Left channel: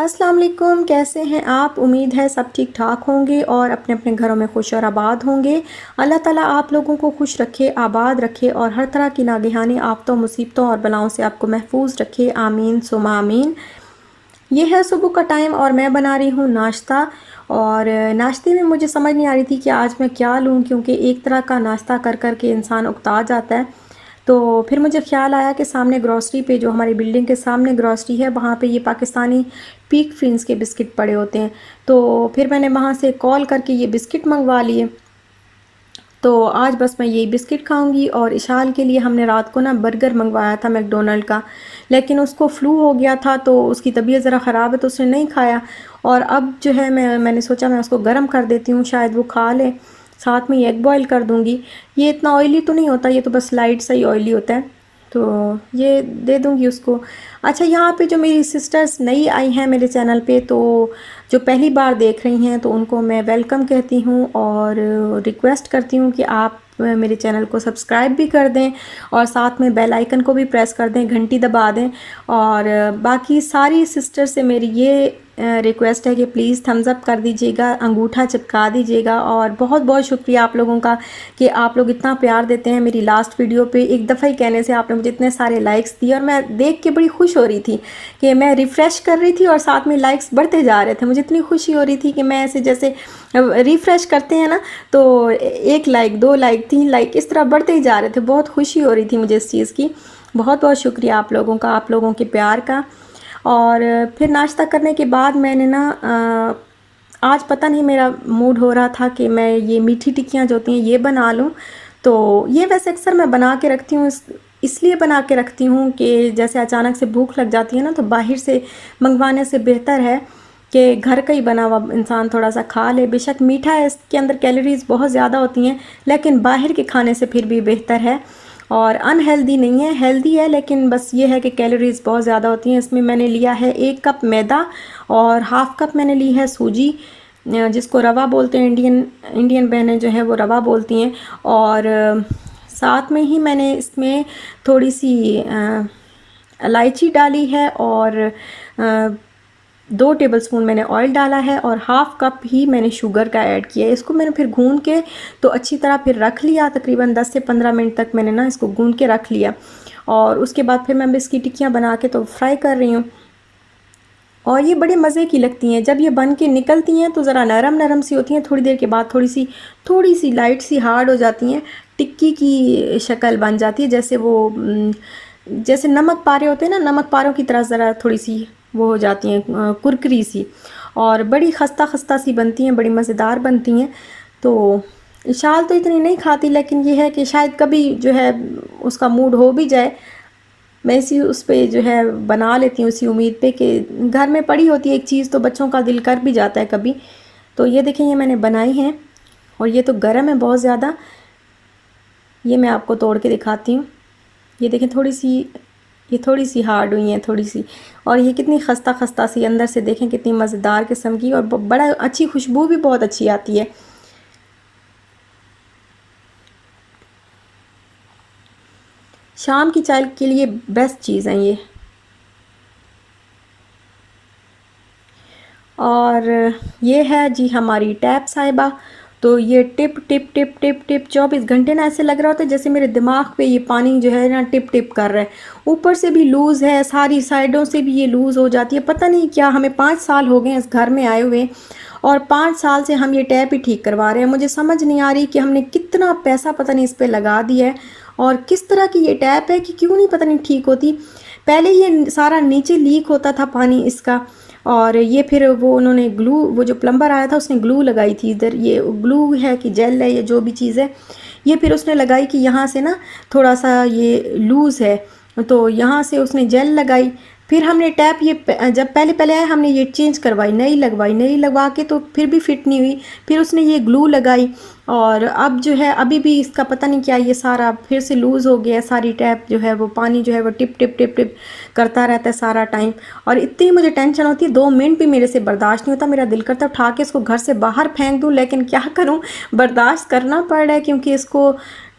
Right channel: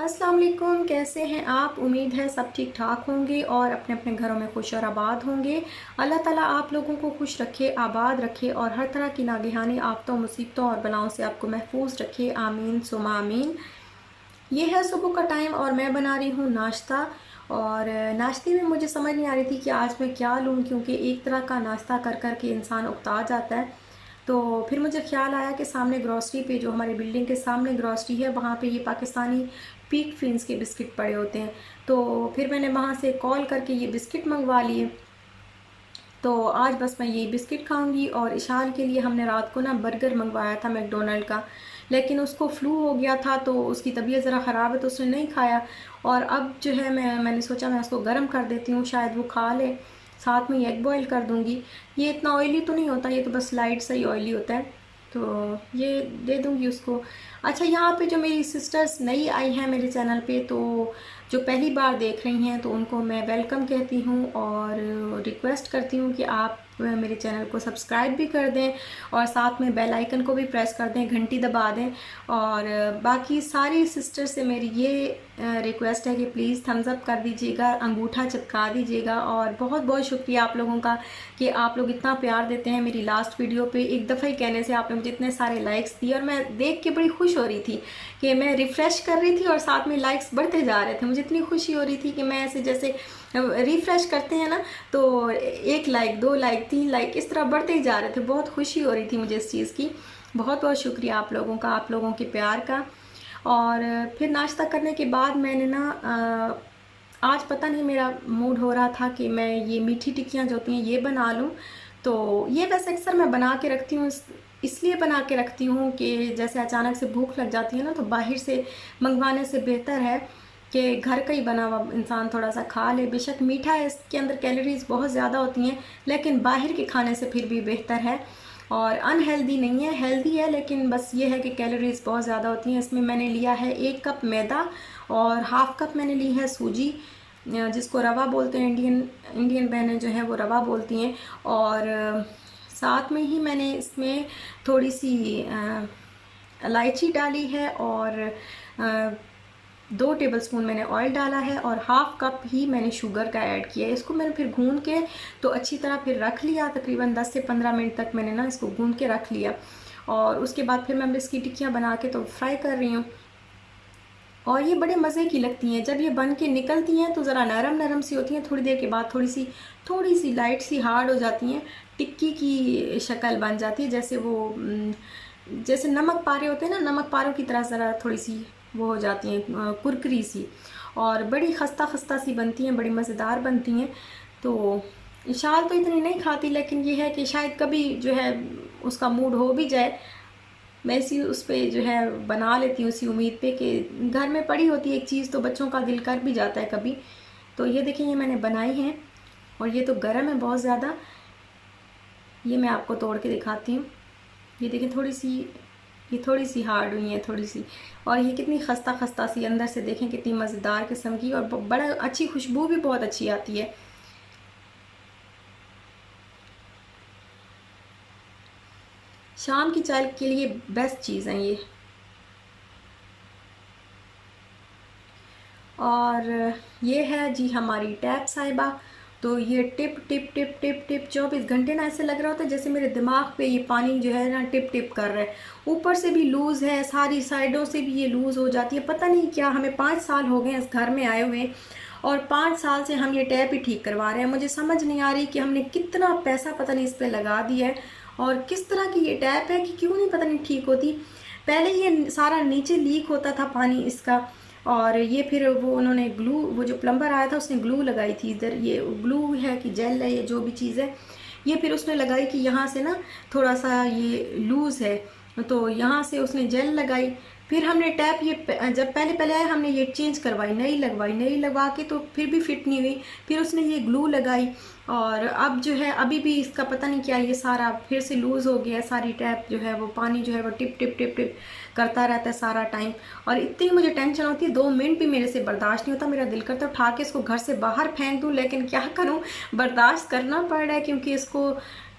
अस्सलाम वालेकुम, कैसे हैं आप? उम्मीद है सब ठीक ठाक होंगे और अपने अपने घरों में खुश और आबाद होंगे। अल्लाह ताला आप लोगों को खुश रखे, आबाद रखे और हर तरह की नागहानी आफ़तों, मुसीबतों और बलाओं से आपको महफूज रखे। आमीन सुमा आमीन। ये है सुबह का टाइम और मैं बना रही हूँ नाश्ता। और नाश्ते में मुझे समझ नहीं आ रही थी कि आज मैं क्या लूँ, क्योंकि एक तरह का नाश्ता कर कर के इंसान उकता जाता है। तो फिर मुझे ख़्याल आया कि सामने ग्रॉसरी पे, जो हमारी बिल्डिंग के सामने ग्रॉसरी है, वहाँ पे ये पाकिस्तानी पीक फिन्स के बिस्किट पड़े होते हैं। तो फिर मैंने वहाँ से कॉल करके ये बिस्किट मंगवा लिए। तो आज बस मैं यही बिस्किट खाऊंगी। और इशाल के लिए हमने रात को ना बर्गर मंगवाया था मैकडोनल्ड का, लेकिन उसको फ्लू हो गया था तो उसकी तबीयत ज़रा ख़राब है तो उसने नहीं खाया। और अब जो है मैंने सोचा मैं उसको गर्म कर देती हूँ, शायद वो खा ले। साथ में एग बॉयल कर दूँगी। ये इतना ऑयली तो नहीं होता, ये तो बस लाइट सा ही ऑयली होता है। तो ये दे दूँगी उसको। अच्छा, यहाँ पे जो मेरी सिस्टर्स नई आई हैं मेरे चैनल पे, तो जो पहली बार देख रही हैं तो उनको मैं वेलकम कहती हूँ और रिक्वेस्ट करती हूँ कि आप मेरे चैनल को सब्सक्राइब भी कर दें और साथ में बेल आइकन को भी प्रेस कर दें, घंटी दबा दें। और बाकी सारी सिस्टर से मेरी ये रिक्वेस्ट है कि प्लीज़ थम्स अप कर दीजिएगा, अंगूठा चिपका दीजिएगा। और बहुत बहुत शुक्रिया आप लोगों का कि आप लोग इतना प्यार देते हैं। मेरी लास्ट वीडियो पे एक दफ़ा ही कहने से आपने मुझे इतने सारे लाइक्स दिए और मैं देख के बड़ी खुश हो रही थी कि मैं रिफ़्रेश कर रही थी और साथ में लाइक्स बढ़ते जा रहे थे। मुझे इतनी खुशी हो रही थी कि मैं ऐसे जैसे रिफ़्रेश करते हैं ना, तो 1 लाइक, 2 लाइक, 3 लाइक इस तरह बढ़ते ही जा रहे थे। बहुत खुशी हो रही थी मुझे इस चीज़ की। बहुत बहुत शुक्रिया आप लोगों का, आप लोगों के प्यार का। और फिर नाश्ता करने के बाद मैंने ना आज पता नहीं मेरा मूड हो रहा था कि मैं ये मीठी टिक्कियाँ जो होती हैं ये बना लूँ। तो ये वैसे अक्सर मैं बना के रखती हूँ, इसलिए बना के रखती हूँ कि जैसे अचानक से भूख लग जाती है ना, तो बाहर से मंगवाने से बेहतर है कि घर का ही बना हुआ इंसान थोड़ा सा खा ले। बेशक मीठा है, इसके अंदर कैलोरीज़ बहुत ज़्यादा होती हैं, लेकिन बाहर के खाने से फिर भी बेहतर है। और अनहेल्दी नहीं है, हेल्दी है, लेकिन बस ये है कि कैलोरीज़ बहुत ज़्यादा होती हैं। इसमें मैंने लिया है 1 कप मैदा और हाफ़ कप मैंने ली है सूजी, जिसको रवा बोलते हैं। इंडियन इंडियन बहनें जो है वो रवा बोलती हैं। और साथ में ही मैंने इसमें थोड़ी सी इलायची डाली है और 2 टेबलस्पून मैंने ऑयल डाला है और हाफ़ कप ही मैंने शुगर का ऐड किया है। इसको मैंने फिर गूंद के तो अच्छी तरह फिर रख लिया, तकरीबन 10 से 15 मिनट तक मैंने ना इसको गूंद के रख लिया। और उसके बाद फिर मैं इसकी टिक्कियाँ बना के तो फ्राई कर रही हूँ। और ये बड़े मज़े की लगती हैं। जब ये बन के निकलती हैं तो ज़रा नरम नरम सी होती हैं, थोड़ी देर के बाद थोड़ी सी लाइट सी हार्ड हो जाती हैं, टिक्की की शक्ल बन जाती है। जैसे वो जैसे नमक पारे होते हैं ना, नमक पारों की तरह ज़रा थोड़ी सी वो हो जाती हैं, कुरकुरी सी। और बड़ी खस्ता खस्ता सी बनती हैं, बड़ी मज़ेदार बनती हैं। तो इशाल तो इतनी नहीं खाती, लेकिन ये है कि शायद कभी जो है उसका मूड हो भी जाए, मैं इसी उस पे जो है बना लेती हूँ, इसी उम्मीद पे कि घर में पड़ी होती है एक चीज़ तो बच्चों का दिल कर भी जाता है कभी। तो ये देखें, ये मैंने बनाई हैं और ये तो गर्म है बहुत ज़्यादा। ये मैं आपको तोड़ के दिखाती हूँ। ये देखें, ये थोड़ी सी हार्ड हुई हैं, थोड़ी सी। और ये कितनी खस्ता खस्ता सी अंदर से, देखें कितनी मज़ेदार किस्म की, और बड़ा अच्छी खुशबू भी बहुत अच्छी आती है। शाम की चाय के लिए बेस्ट चीज़ है ये। और ये है जी हमारी टैप साहिबा। तो ये tip tip tip tip tip 24 घंटे ना ऐसे लग रहा होता है जैसे मेरे दिमाग पे ये पानी जो है ना टिप टिप कर रहा है। ऊपर से भी लूज़ है, सारी साइडों से भी ये लूज़ हो जाती है। पता नहीं क्या, हमें 5 साल हो गए इस घर में आए हुए और 5 साल से हम ये टैप ही ठीक करवा रहे हैं। मुझे समझ नहीं आ रही कि हमने कितना पैसा पता नहीं इस पर लगा दिया है और किस तरह की ये टैप है कि क्यों नहीं पता नहीं ठीक होती। पहले ये सारा नीचे लीक होता था पानी इसका, और ये फिर वो उन्होंने ग्लू, वो जो प्लम्बर आया था उसने ग्लू लगाई थी इधर। ये ग्लू है कि जेल है, ये जो भी चीज़ है, ये फिर उसने लगाई कि यहाँ से ना थोड़ा सा ये लूज़ है, तो यहाँ से उसने जेल लगाई। फिर हमने टैप ये जब पहले पहले आया हमने ये चेंज करवाई, नई लगवाई, नई लगवा के तो फिर भी फिट नहीं हुई। फिर उसने ये ग्लू लगाई और अब जो है अभी भी इसका पता नहीं क्या, ये सारा फिर से लूज़ हो गया। सारी टैप जो है वो पानी जो है वो टिप टिप टिप टिप करता रहता है सारा टाइम। और इतनी मुझे टेंशन होती है, 2 मिनट भी मेरे से बर्दाश्त नहीं होता। मेरा दिल करता उठा के इसको घर से बाहर फेंक दूँ, लेकिन क्या करूँ, बर्दाश्त करना पड़ रहा है क्योंकि इसको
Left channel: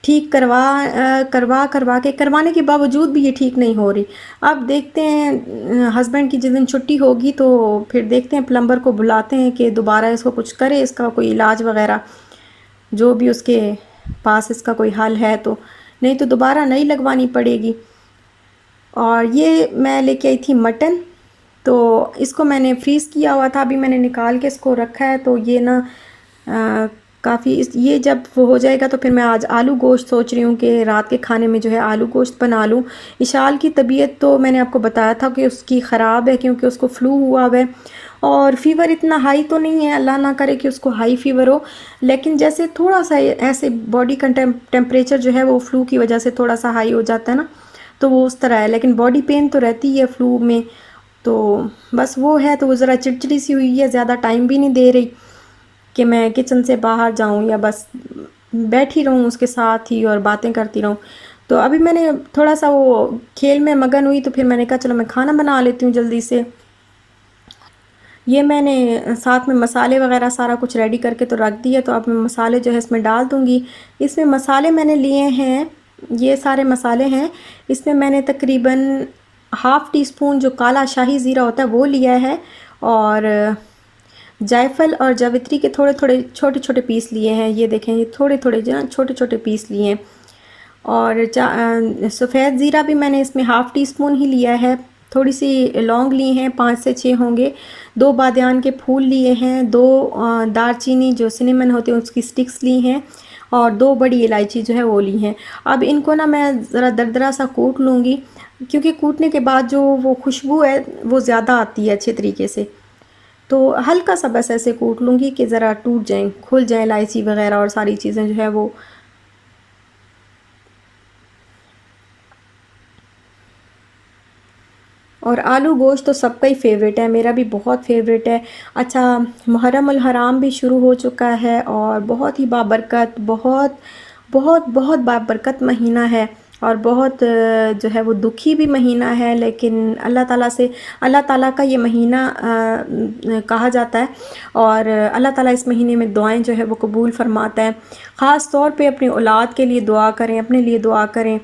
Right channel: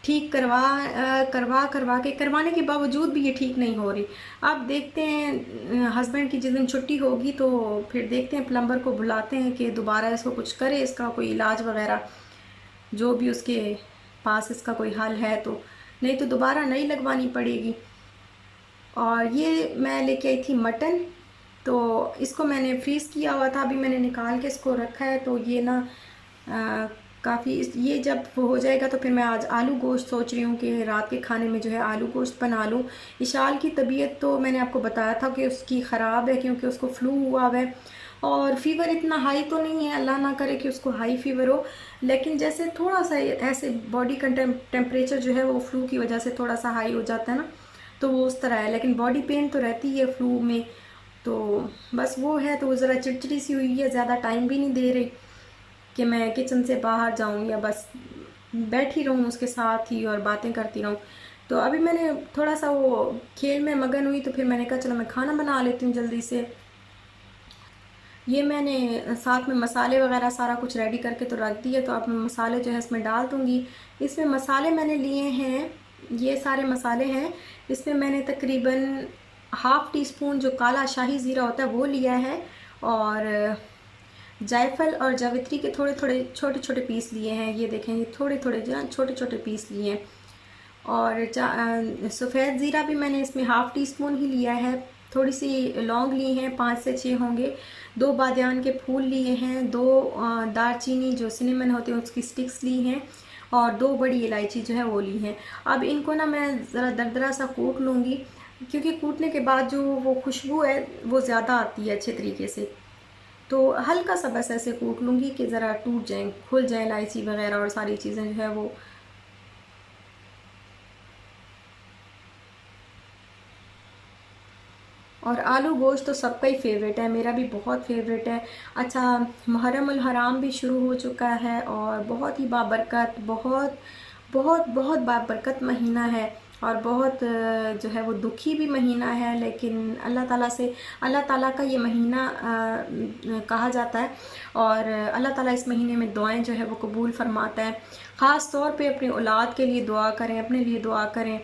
ठीक करवा के करवाने के बावजूद भी ये ठीक नहीं हो रही। अब देखते हैं हस्बैंड की जिस दिन छुट्टी होगी तो फिर देखते हैं, प्लम्बर को बुलाते हैं कि दोबारा इसको कुछ करे, इसका कोई इलाज वगैरह जो भी उसके पास इसका कोई हल है तो, नहीं तो दोबारा नई लगवानी पड़ेगी। और ये मैं लेके आई थी मटन, तो इसको मैंने फ्रीज़ किया हुआ था, अभी मैंने निकाल के इसको रखा है। तो ये ना काफ़ी ये जब वो हो जाएगा तो फिर मैं आज आलू गोश्त सोच रही हूँ कि रात के खाने में जो है आलू गोश्त बना लूँ। इशाल की तबीयत तो मैंने आपको बताया था कि उसकी ख़राब है, क्योंकि उसको फ्लू हुआ हुआ है और फ़ीवर इतना हाई तो नहीं है, अल्लाह ना करे कि उसको हाई फ़ीवर हो, लेकिन जैसे थोड़ा सा ऐसे बॉडी का टेम्परेचर जो है वो फ्लू की वजह से थोड़ा सा हाई हो जाता है ना, तो वो उस तरह है। लेकिन बॉडी पेन तो रहती है फ्लू में, तो बस वो है। तो वो ज़रा चिड़चिड़ी सी हुई है, ज़्यादा टाइम भी नहीं दे रही कि मैं किचन से बाहर जाऊं या बस बैठी रहूं उसके साथ ही और बातें करती रहूं। तो अभी मैंने थोड़ा सा वो खेल में मगन हुई, तो फिर मैंने कहा चलो मैं खाना बना लेती हूँ जल्दी से। ये मैंने साथ में मसाले वगैरह सारा कुछ रेडी करके तो रख दिया, तो अब मैं मसाले जो है इसमें डाल दूँगी। इसमें मसाले मैंने लिए हैं, ये सारे मसाले हैं। इसमें मैंने तकरीबन हाफ़ टी स्पून जो काला शाही ज़ीरा होता है वो लिया है, और जायफल और जावित्री के थोड़े थोड़े छोटे छोटे पीस लिए हैं। ये देखें, ये थोड़े थोड़े जो छोटे छोटे पीस लिए हैं। और सफ़ेद ज़ीरा भी मैंने इसमें हाफ़ टी स्पून ही लिया है। थोड़ी सी लौंग ली हैं, 5 से 6 होंगे। 2 बादियान के फूल लिए हैं, 2 दालचीनी जो सिनेमन होते हैं उसकी स्टिक्स ली हैं, और 2 बड़ी इलायची जो है वो ली हैं। अब इनको ना मैं ज़रा दरदरा सा कूट लूँगी, क्योंकि कूटने के बाद जो वो खुशबू है वो ज़्यादा आती है अच्छे तरीके से। तो हल्का सा बस ऐसे कूट लूँगी कि ज़रा टूट जाएँ, खुल जाएँ इलायची वगैरह और सारी चीज़ें जो है वो। और आलू गोश्त तो सबका ही फेवरेट है, मेरा भी बहुत फेवरेट है। अच्छा, मुहर्रम उल हराम भी शुरू हो चुका है और बहुत ही बाबरकत, बहुत बहुत बहुत बाबरकत महीना है, और बहुत जो है वो दुखी भी महीना है। लेकिन अल्लाह ताला से, अल्लाह ताला का ये महीना कहा जाता है, और अल्लाह ताला इस महीने में दुआएं जो है वो कबूल फरमाता है। ख़ास तौर पे अपनी औलाद के लिए दुआ करें, अपने लिए दुआ करें,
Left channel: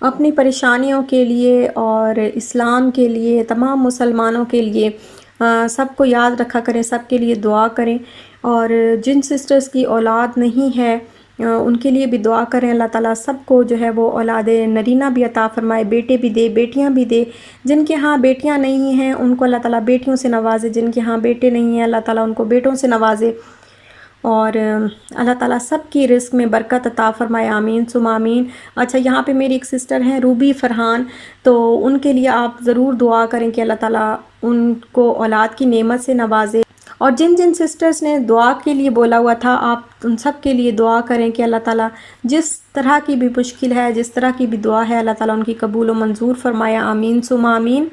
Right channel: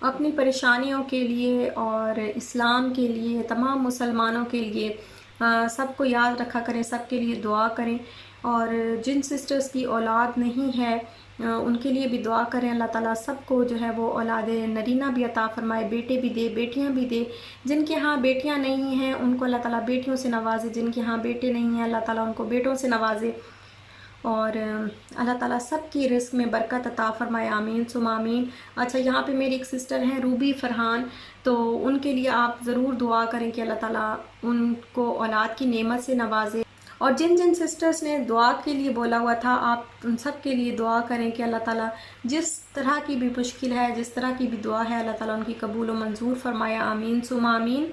अपनी परेशानियों के लिए और इस्लाम के लिए, तमाम मुसलमानों के लिए सबको याद रखा करें, सबके लिए दुआ करें। और जिन सिस्टर्स की औलाद नहीं है उनके लिए भी दुआ करें, अल्लाह ताला सबको जो है वो औलाद नरीना भी अता फ़रमाए, बेटे भी दे, बेटियां भी दे। जिनके यहाँ बेटियां नहीं हैं उनको अल्लाह ताला बेटियों से नवाजे, जिनके यहाँ बेटे नहीं हैं अल्लाह ताला उनको बेटों से नवाजे। और अल्लाह ताला सब की रिस्क में बरकत अता फ़रमाए, आमीन सुम आमीन। अच्छा, यहाँ पे मेरी एक सिस्टर हैं रूबी फ़रहान, तो उनके लिए आप ज़रूर दुआ करें कि अल्लाह ताला उनको औलाद की नेमत से नवाजे। और जिन जिन सिस्टर्स ने दुआ के लिए बोला हुआ था, आप उन सब के लिए दुआ करें कि अल्लाह ताला जिस तरह की भी मुश्किल है, जिस तरह की भी दुआ है, अल्लाह ताला उनकी कबूल व मंजूर फ़रमाए, आमीन सुम आमीन।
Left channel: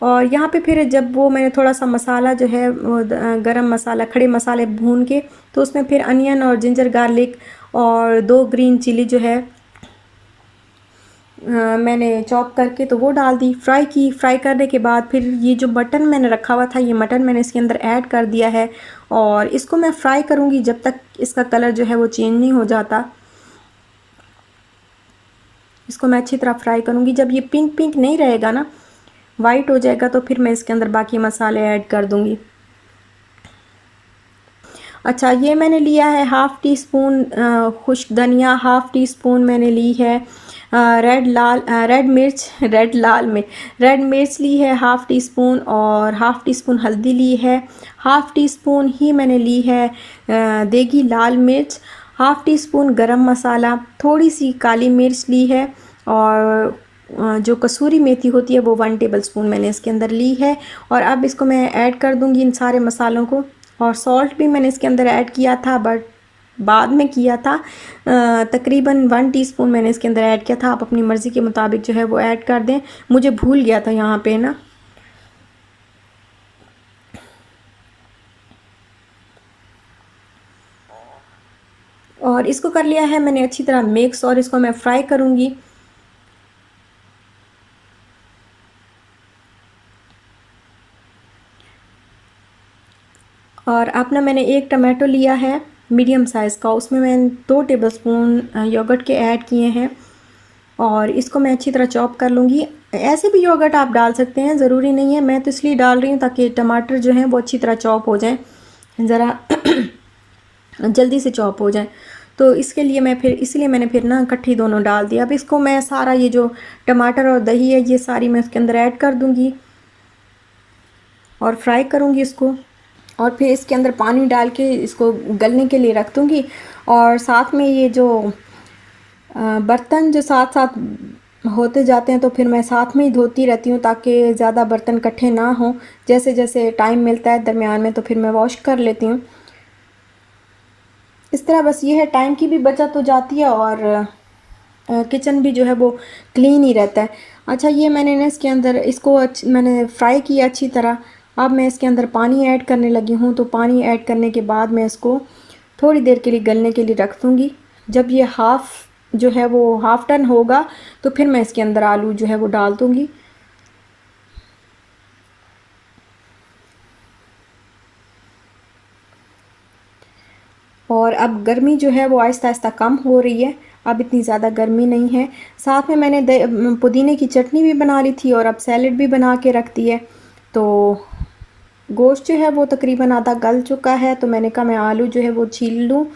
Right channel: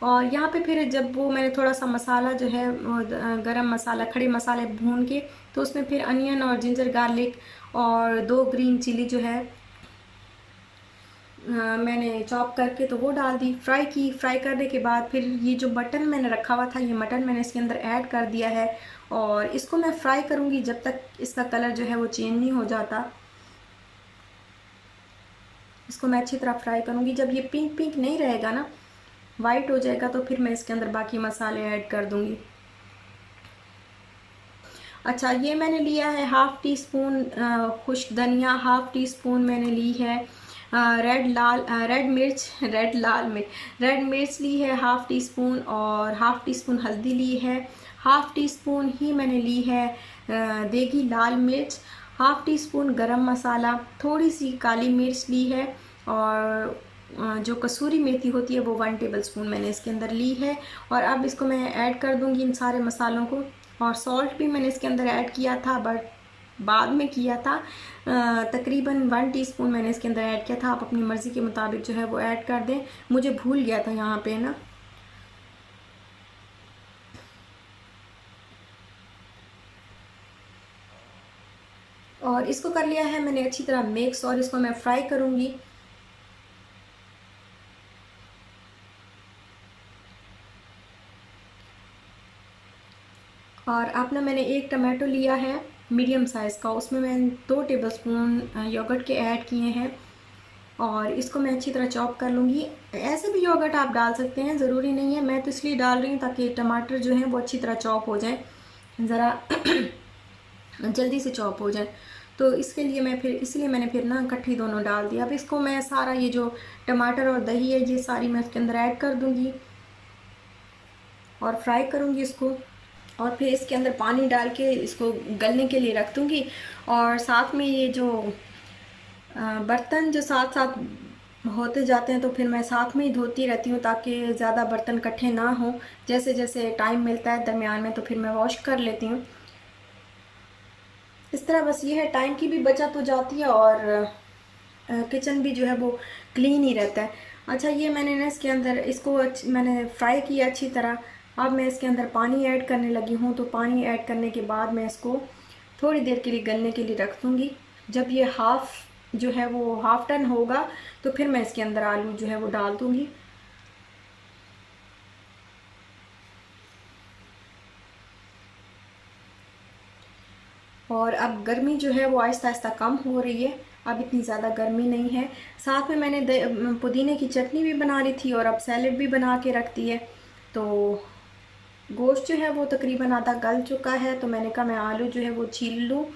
और यहाँ पे फिर जब वो मैंने थोड़ा सा मसाला जो है वो गरम मसाला, खड़े मसाले भून के, तो उसमें फिर अनियन और जिंजर गार्लिक और 2 ग्रीन चिली जो है मैंने चॉप करके तो वो डाल दी, फ्राई की। फ्राई करने के बाद फिर ये जो मटन मैंने रखा हुआ था, ये मटन मैंने इसके अंदर ऐड कर दिया है, और इसको मैं फ्राई करूँगी जब तक इसका कलर जो है वो चेंज नहीं हो जाता। इसको मैं अच्छी तरह फ्राई करूँगी, जब ये पिंक पिंक नहीं रहेगा ना, वाइट हो जाएगा, तो फिर मैं इसके अंदर बाकी मसाले ऐड कर दूँगी। अच्छा, ये मैंने लिया है हाफ़ टी स्पून खुश्क धनिया, हाफ़ टी स्पून मैंने ली है रेड मिर्च रेड मिर्च ली है हाफ़ टी स्पून, और हाफ़ टी स्पून हल्दी ली है, हाफ़ टी स्पून ही मैंने ली है देगी लाल मिर्च, हाफ़ टी स्पून गरम मसाला, थोड़ी सी काली मिर्च ली है, और जो कसूरी मेथी होती है वो 1 टेबल स्पून मैंने इसके अंदर ली है। और अब इसको मैं ऐड कर दूंगी इन सारे मसालों को। और सॉल्ट भी मैंने इसके अंदर ऐड किया था, बट बाद में किया था। तकरीबन 1 टीस्पून मैंने इसके अंदर ऐड किया था, आप अपनी मर्ज़ी के मुताबिक जो है वो ऐड कर दें। मुझे भूल गया था यहाँ पे ना। और इसको कर लिया है मैंने अच्छी तरह मिक्स, और इसको मैं फ्राई करूँगी। और अपना मैंने एक टमाटो लिया है, मीडियम साइज़ का, उसमें मैंने 2 टेबलस्पून योगर्ट के ऐड किए हैं और इसको मैं अच्छी तरह चॉप कर लूँगी। ऐसे भी योगर्ट आप डाल सकते हैं, ज़रूरी नहीं है, मैं तो इसलिए डाल रही हूँ ताकि टमाटर जो हैं वो अच्छी तरह चॉप हो जाएँ, ज़रा जल्दी से चॉप हो जाए। तो इसके लिए मैं फिर इसलिए मैंने फिर ना इकट्ठी दोनों डाल दिया। अब इसको मैं सारा ये जो टमाटर और दही है ये सारी मैं उसके अंदर ऐड कर दूँगी और फ्राई करूँगी इसको, और फिर इसके अंदर पानी डाल के इसको गलने के लिए रख दूँगी। और साथ में ये जो बर्तन जो साथ साथ होते जाते हैं तो फिर मैं साथ में ही धोती रहती हूँ ताकि ज़्यादा बर्तन इकट्ठे ना हों। जैसे जैसे टाइम मिलता है दरमियान में तो फिर मैं वॉश कर लेती हूँ। इस तरह बस ये है, टाइम की भी बचत हो जाती है और किचन भी जो है वो क्लीन ही रहता है। अच्छा, ये मैंने ना इसके अंदर इसको मैंने फ्राई किया अच्छी तरह। अब मैं इसके अंदर पानी ऐड करने लगी हूँ, तो पानी ऐड करने के बाद मैं इसको थोड़ी देर के लिए गलने के लिए रख दूँगी। जब ये जो है वो हाफ़ टन होगा तो फिर मैं इसके अंदर आलू जो है वो डाल दूँगी। और अब गर्मी जो है वो आहिस्ता आहिस्ता कम हो रही है, अब इतनी ज़्यादा गर्मी नहीं है। साथ में मैंने पुदीने की चटनी भी बना ली थी और अब सैलेड भी बना के रख दी है। तो गोश्त जो है वो तकरीबन आधा गल चुका है, तो मैंने कहा मैं आलू जो है वो छील लूँ।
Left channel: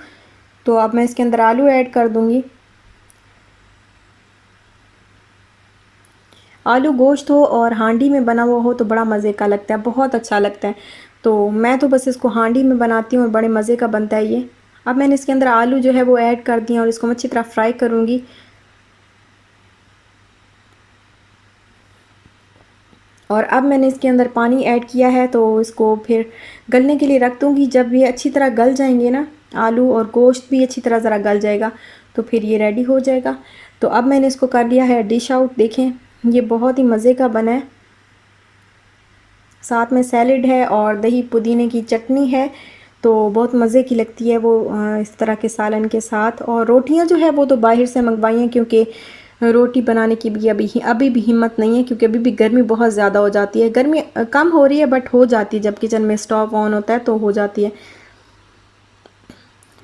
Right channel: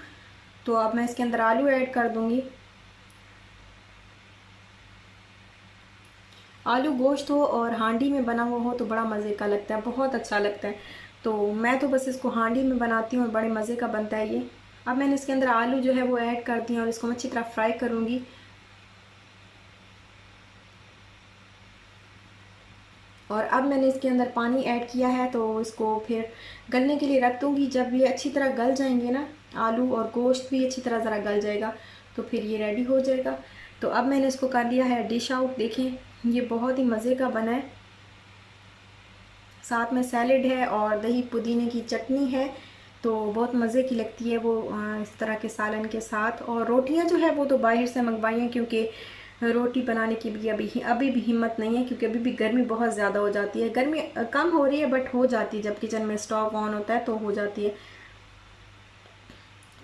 तो अब मैं इसके अंदर आलू ऐड कर दूँगी। आलू गोश्त हो और हांडी में बना हुआ हो तो बड़ा मज़े का लगता है, बहुत अच्छा लगता है। तो मैं तो बस इसको हांडी में बनाती हूँ और बड़े मज़े का बनता है ये। अब मैंने इसके अंदर आलू जो है वो ऐड कर दिए और इसको मैं अच्छी तरह फ्राई करूँगी। और अब मैंने इसके अंदर पानी ऐड किया है तो इसको फिर गलने के लिए रख दूँगी। जब ये अच्छी तरह गल जाएंगे ना, आलू और गोश्त भी अच्छी तरह ज़रा गल जाएगा तो फिर ये रेडी हो जाएगा। तो अब मैंने इसको कर लिया है डिश आउट। देखें, ये बहुत ही मज़े का बना है, साथ में सैलेड है और दही पुदीने की चटनी है, तो बहुत मज़े की लगती है वो इस तरह के सालन के साथ। और रोटियां जो है वो तो बाहर से मंगवाई हैं क्योंकि रोटी बनाने की भी अभी भी हिम्मत नहीं है, क्योंकि अभी भी गर्मी बहुत ज़्यादा हो जाती है। गर्मी कम हो रही है बट हो जाती है, जब किचन में स्टोव ऑन होता है तो हो जाती है।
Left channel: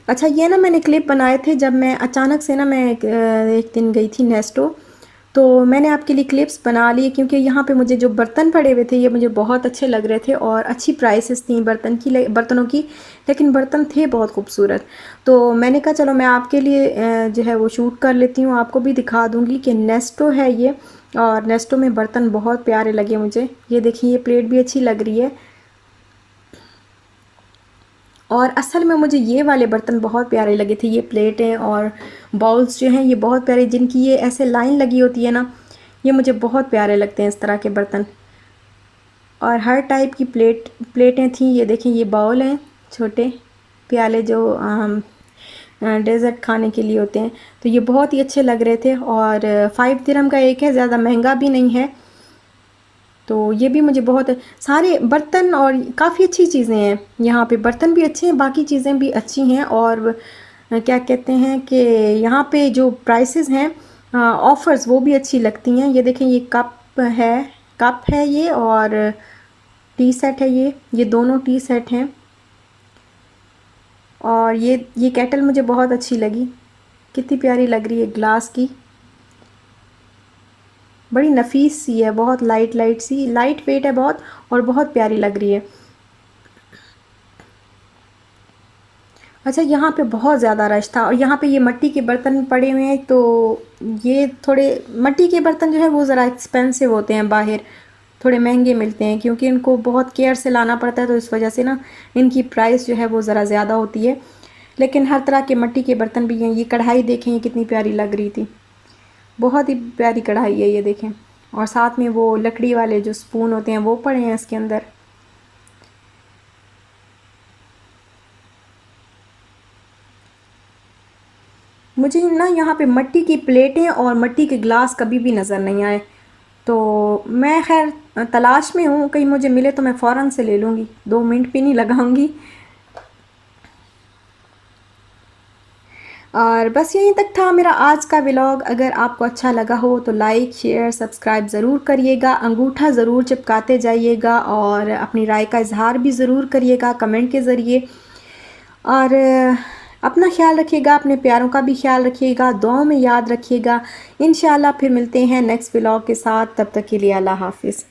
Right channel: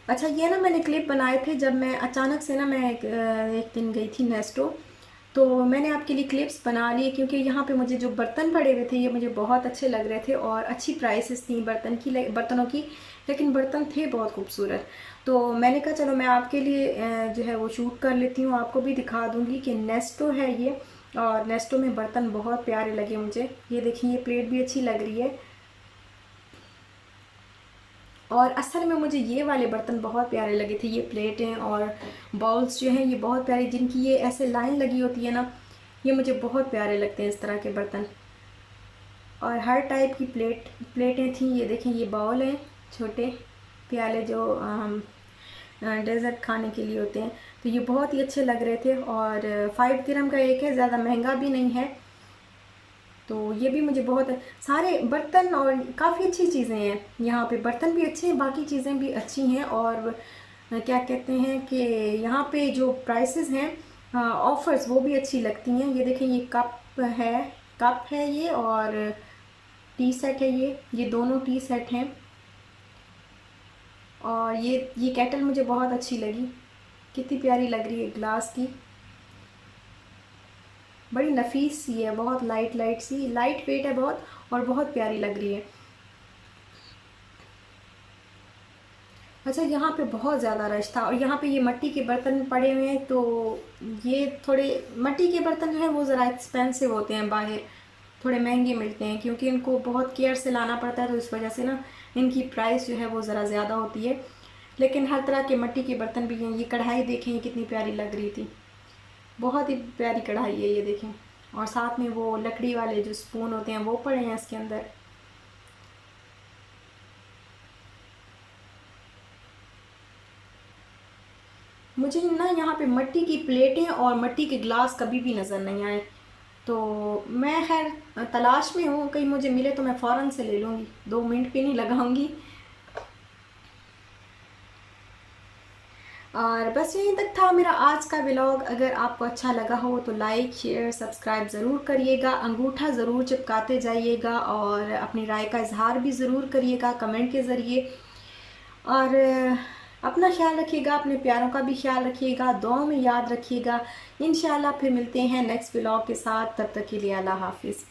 अच्छा, ये ना मैंने क्लिप बनाए थे जब मैं अचानक से ना मैं एक दिन गई थी नेस्टो, तो मैंने आपके लिए क्लिप्स बना लिए क्योंकि यहाँ पे मुझे जो बर्तन पड़े हुए थे ये मुझे बहुत अच्छे लग रहे थे और अच्छी प्राइसेस थी बर्तनों की, लेकिन बर्तन थे बहुत खूबसूरत। तो मैंने कहा चलो मैं आपके लिए जो है वो शूट कर लेती हूँ, आपको भी दिखा दूँगी कि नेस्टो है ये। और नेस्टो में बर्तन बहुत प्यारे लगे मुझे। ये देखिए, ये प्लेट भी अच्छी लग रही है। और असल में मुझे ये वाले बर्तन बहुत प्यारे लगे थे, ये प्लेटें और बाउल्स जो हैं ये बहुत प्यारे, जिनकी ये ऐसे लाइन लगी होती है ना, ये मुझे बहुत प्यारे लगते हैं इस तरह के बर्तन। और हर टाइप की प्लेटें थी। ये देखें, ये बाउल हैं, छोटे प्याले जो डेज़र्ट खाने के लिए होते हैं, तो ये बहुत ही अच्छे लग रहे थे। और 5 दिरहम का एक है, ज़्यादा महंगा भी नहीं है। तो ये भी मुझे बहुत सारे बर्तन और काफ़ी अच्छी चीज़ें हैं यहाँ पे, बर्तन भी अच्छे हैं, बाकी चीज़ें भी अच्छी हैं। और क्या कहते हैं कि यहाँ पे जो प्राइसेस हैं, ऑफ़र्स, वो भी अच्छी लगती हैं। ये देखें, ये कप है ये, और टी सेट है ये दोनों टी सेट हैं। और ये केटल मुझे बहुत अच्छी लगी, कितनी प्यारी लग रही है, ग्लास की, बड़ी नफीस सी है, बहुत लाइट वेट है बहुत, और बहुत प्यारी लग रही है। अच्छा, यहाँ पे बहुत ज़्यादा रश था और यहाँ पे ये मिट्टी के बर्तन पड़े हुए हैं, तो ये थोड़े मिट्टी के बर्तन जो है वो ज़रा एक्सपेंसिव होते हैं, बाहर थोड़े महंगे मिलते हैं क्योंकि इनको बहुत केयर से लाना पड़ता है, तो इस वजह से ना इनकी प्राइस जो है वो ज़रा ज़्यादा होती है। लेकिन हर तरह के मिट्टी के बर्तन भी हैं। ये कढ़ाई देखें, ये कितनी प्यारी लग रही थी, बहुत ही प्यारी कढ़ाई है ये देखें। और साथ में वो लकड़ी वाले जो स्पून होते हैं वो पड़े हैं इसके अंदर। मुझे ना यहाँ पे मिट्टी की प्लेटें और मिट्टी के ग्लास कभी भी नज़र नहीं आए, तो मैं खैर तलाश में हूँ, कहीं मुझे मिले तो मैं फ़ौरन से ले लूँगी, 2 मिनट भी नहीं लगाऊंगी। और बस यहीं तक था मेरा आज का व्लॉग। अगर आपको अच्छा लगा हो तो लाइक शेयर सब्सक्राइब ज़रूर करिएगा, अंगूठा ज़रूर चिपकाते जाइएगा और अपनी राय का इजहार भी ज़रूर करिएगा कमेंट के ज़रिए। और अपना ख्याल रखिएगा, अपने प्यारों का भी ख्याल रखिएगा, दुआओं में याद रखिएगा। इंशाल्लाह फिर मिलते हैं नेक्स्ट व्लॉग के साथ, तब तक के लिए अल्लाह हाफिज़।